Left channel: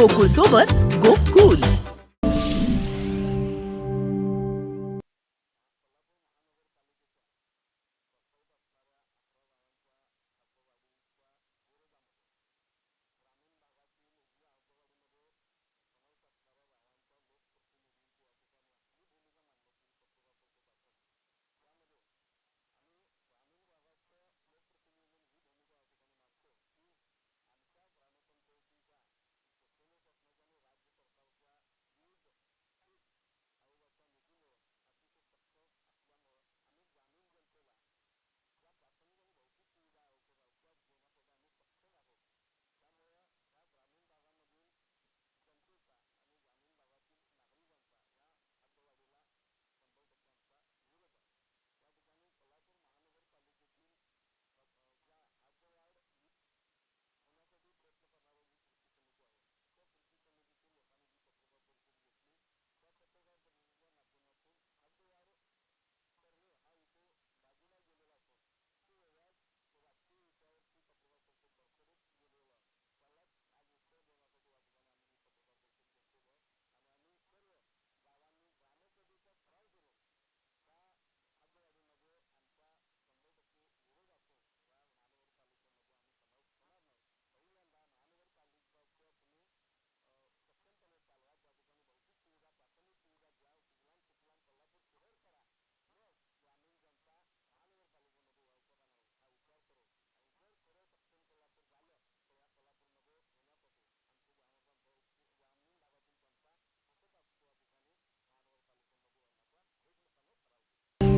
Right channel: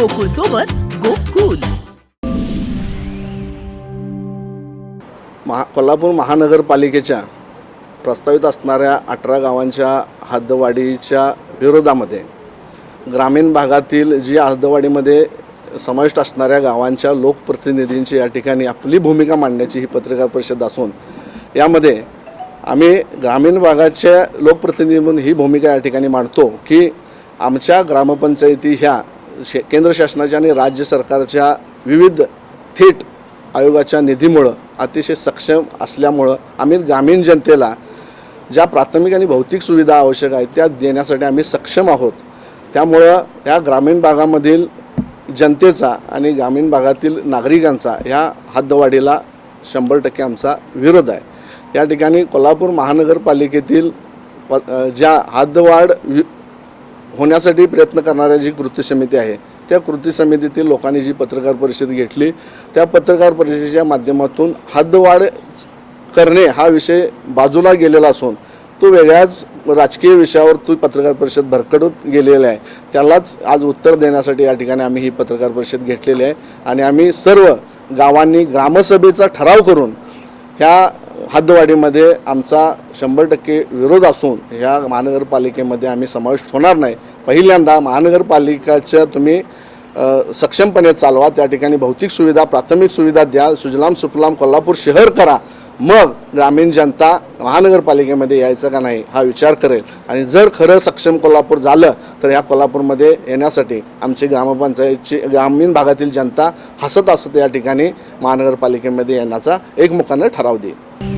गोकुळ सोबत गोकुल. महा कोल्हापूर महानगरपालिकेच्या प्रस्तावित असणाऱ्या अठरा गावांच्या हद्दवाढीच्या विरोधामध्ये ग्रामीण भागातील जी हद्दवाढीमध्ये समाविष्ट असणाऱ्या गावांच्या लोकप्रतिनिधींची या ठिकाणी आपली भूमिका मांडण्याची ही पत्रकार परिषद असून यामध्ये आम्ही ग्रामीण भागाच्या लोकप्रतिनिधी म्हणून ही भूमिका या ठिकाणी मांडतो की आमच्या ग्रामपंचायती ह्या शे केंद्र शासनाच्या आणि राज्य सरकारच्या विविध थेट आयोगाच्या निधीमुळं अतिशय सक्षम असल्यामुळं आम्ही ग्रामीण जनतेला ज्या प्राथमिक आणि भौतिक सुविधा आवश्यक आहेत त्या देण्यासाठी आम्ही सक्षम आहोत. त्यामुळं ह्या ग्रामीण भागामधील जनतेचा आणि ग्रामीण भागातील नागरिकांचा ह्या हद्दवाढीला शंभर टक्के आमचा विरोध आहे. या ठिकाणी कोल्हापूर महानगरपालिकेतील प ज्या हद्दवाढ वि होण्यासाठी प्रयत्न करणाऱ्या जी कृती समिती आहे त्या कृती समितीतील लोकांनी जी पत्रकार परिषद घेतली त्या पत्रकार परिषदेच्या माध्यमातून हद्दवाढ करणे हा विषय बाजूला गेलेला असून तो वेगळ्याच राजकीय विषयावर तो पत्रकार परिषद भरकडत गेलेला आहे. त्यालाच आज उत्तर देण्यासाठी या ठिकाणी आम्ही ही पत्रकार परिषद घेतलेली आहे आणि आम्ही सर्व गावांनी ग्रामसभेचा ठराव करून ह्या हद्दवाढीमध्ये आमचा शंभर टक्के विरोध असून ह्या महानगरपालिकेमध्ये आम्ही समाविष्ट होणार नाही. पहिल्यांदा महानगरपालिकाच्या तुम्ही सक्षमपणे चालवा त्या ठिकाणी भौतिक सुविधा प्राथमिक सुविधा द्या सुजलाम सुफलाम कोल्हापूर शहर करा. मग ग्रामीण जनता महानगरपालिकेमध्ये यायचं का नाही हा विचार करेल. आणि जर खरं सक्षम कोल्हापूर झालं तर या कोल्हापूरमध्ये येण्यासाठी आमची ग्रामपंचायतची ग्रामीण भागातील जनता हसत हसत या ठिकाणी महानगरपालिकेमध्ये येण्याचा एकमुखानं ठराव देईल.